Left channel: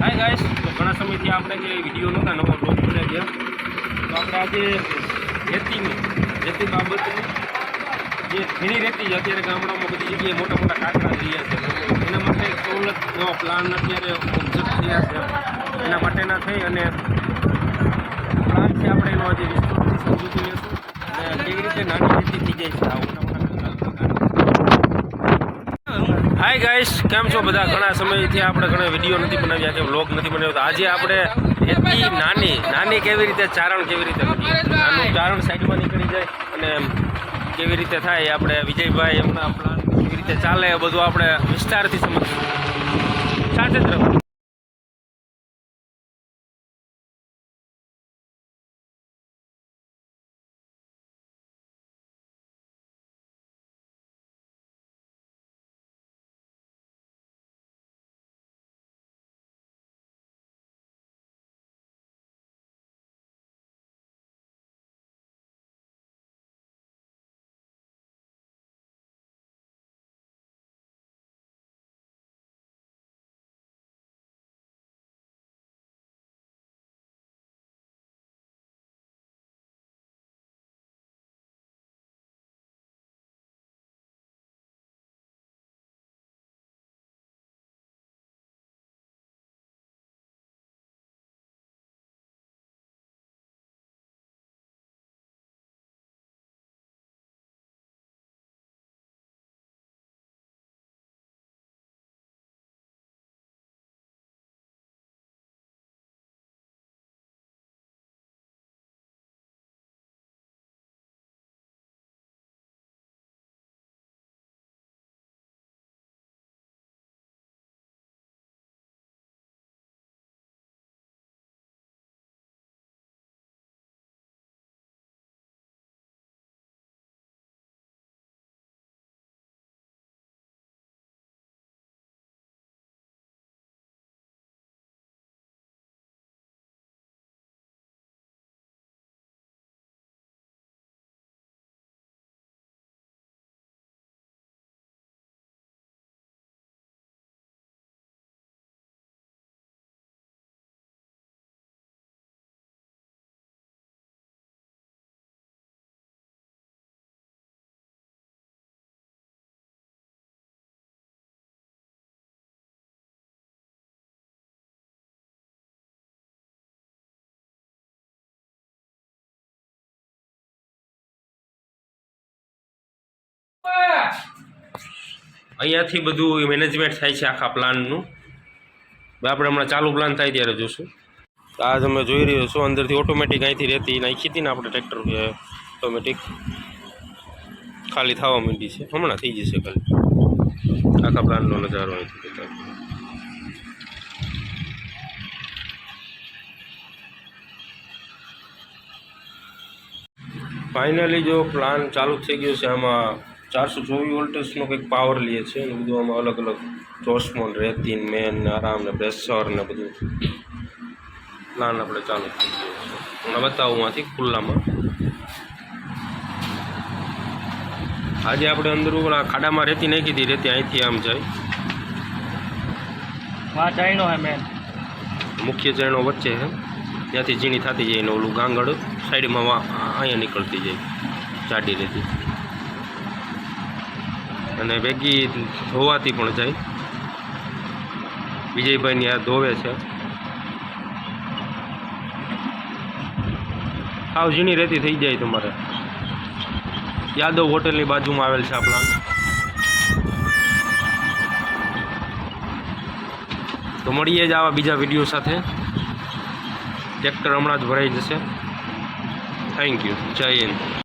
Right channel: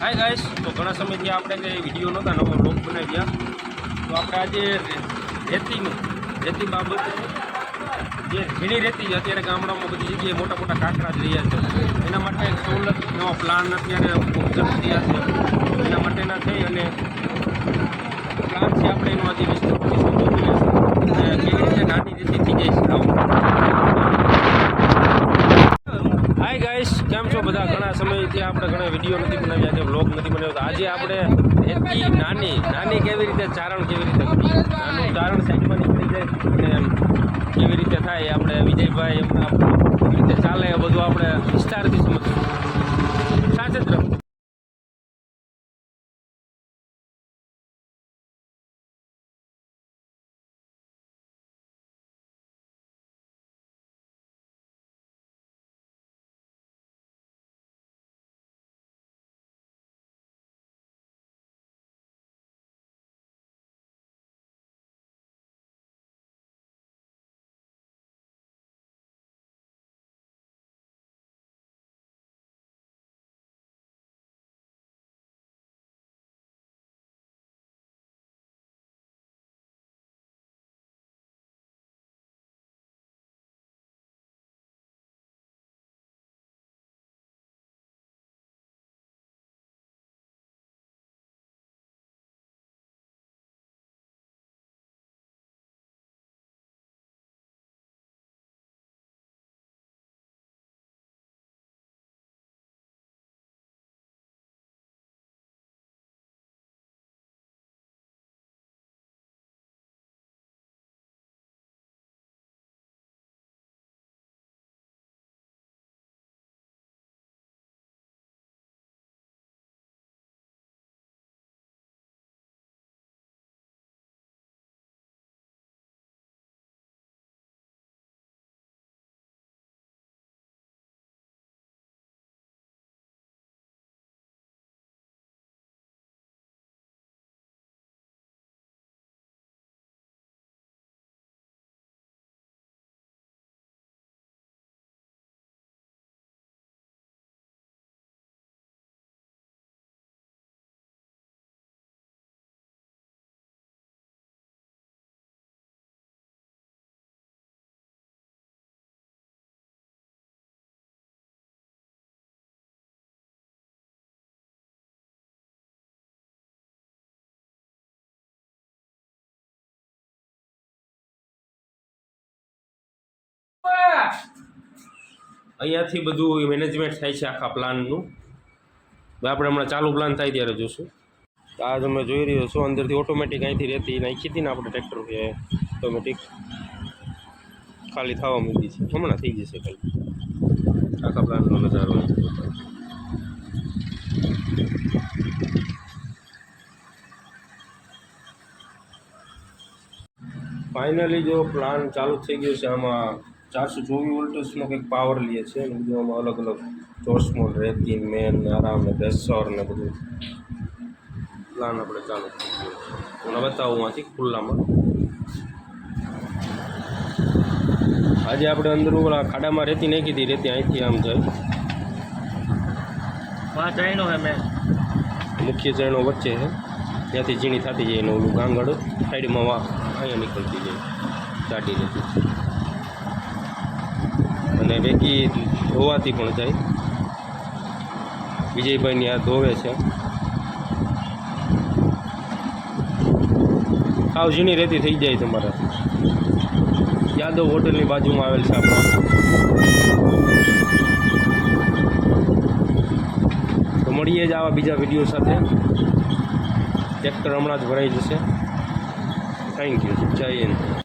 Hi guys, તો ઘણા સમયથી આપણે કંઈ વિડીયો નહોતા, નવો બ્લોગ બનાવ્યા. તો આપણે આજે રેતી બાબતનું જે ભીણી રેતી છે, અત્યારે ગામડામાં બધી જગ્યાએ મોટા મોટા કાંકરા રહ્યા છે. એના માટે એક સવલતનો પ્લાન અત્યારે ઓબ્ઝર્વ થયા છે. એના માટેના થઈ અને પ્લાન છે આપણે એનો આજે વિસ્તૃતથી સમજી અને કેવી રીતે નાની રેતી થઈ જાય છે આવું. હાય ગાઈસ, કેમ છો બધા? ઘણા સમયથી આપણે ઘણા વિડીયો નથી બનાવ્યા, આજે વ્લોગ નથી બનાવ્યો. તો આજે આપણે રેતી નાની કેવી રીતે ચારણ કેવી રીતે કરીએ, નાનું ચારણ સાઈડમાં નીકળી જાય અને કેવી રીતે થાય આપણે વિજયભાઈ એમના પ્લાન કેવી રીતે ચાલે એ બધું આપણે વિસ્તારથી સમજીશું. સાથે જ રહો. અહીંયાથી બધું મેનેજમેન્ટ થાય છે આખા પ્લાનનું. આપણે હમણાં ચાલુ પ્લાન થાય ત્યારે જોશું. આ તમે જોઈ રહ્યો છો, અંદરથી ઓટોમેટિક અહીંથી રેતી નાખી હતી ને આપણે ટ્રેક્ટર ઓટોમેટિક ખાલી થવા માંડી છે. હમણાં થઈ જશે ખાલી. આખા પ્લાનનો નજારો અહીંથી બતાવે. ફાઇનલી જો પ્લાન ચાલુ થઈ ગયો છે. આમાં 424 વોલ્ટેજનો કંઈક પાવર લે છે અને બધું આમાં અલગ અલગ ચોસમોન રેતી મેન આરામ ને પ્રેશર ને બધું પ્લાન આપણે ચાલુ થઈ ગયો છે. હું બતાવું આથી ખુલ્લામાં. આજે આપણે અંદર ખાડામાં રેતી નાખી હતી. રેતી અહીંથી આમ જાય, મુખ્ય ચાયણો વચ્ચે છે, ત્યાંથી ઝીણી થતી જાય ને ઓલું ગાંગડ સાઈડમાં અહીંયા નીકળતી જાય જાડી રેતી અને ભેગી ધોવાતી પણ જાય. વિજયભાઈની આ ધોવે છે. સાવ ઝીણી રેતી થઈ જાય તમારે. યાદવ હોટલની બાજુમાં આવેલ છે આપણા. તો મળીએ જ આવા બીજા વિડીયો સાથે. ટ્રેક્ટર હમણાં જ ભરાઈ જશે. Thank you. જય હિન્દ.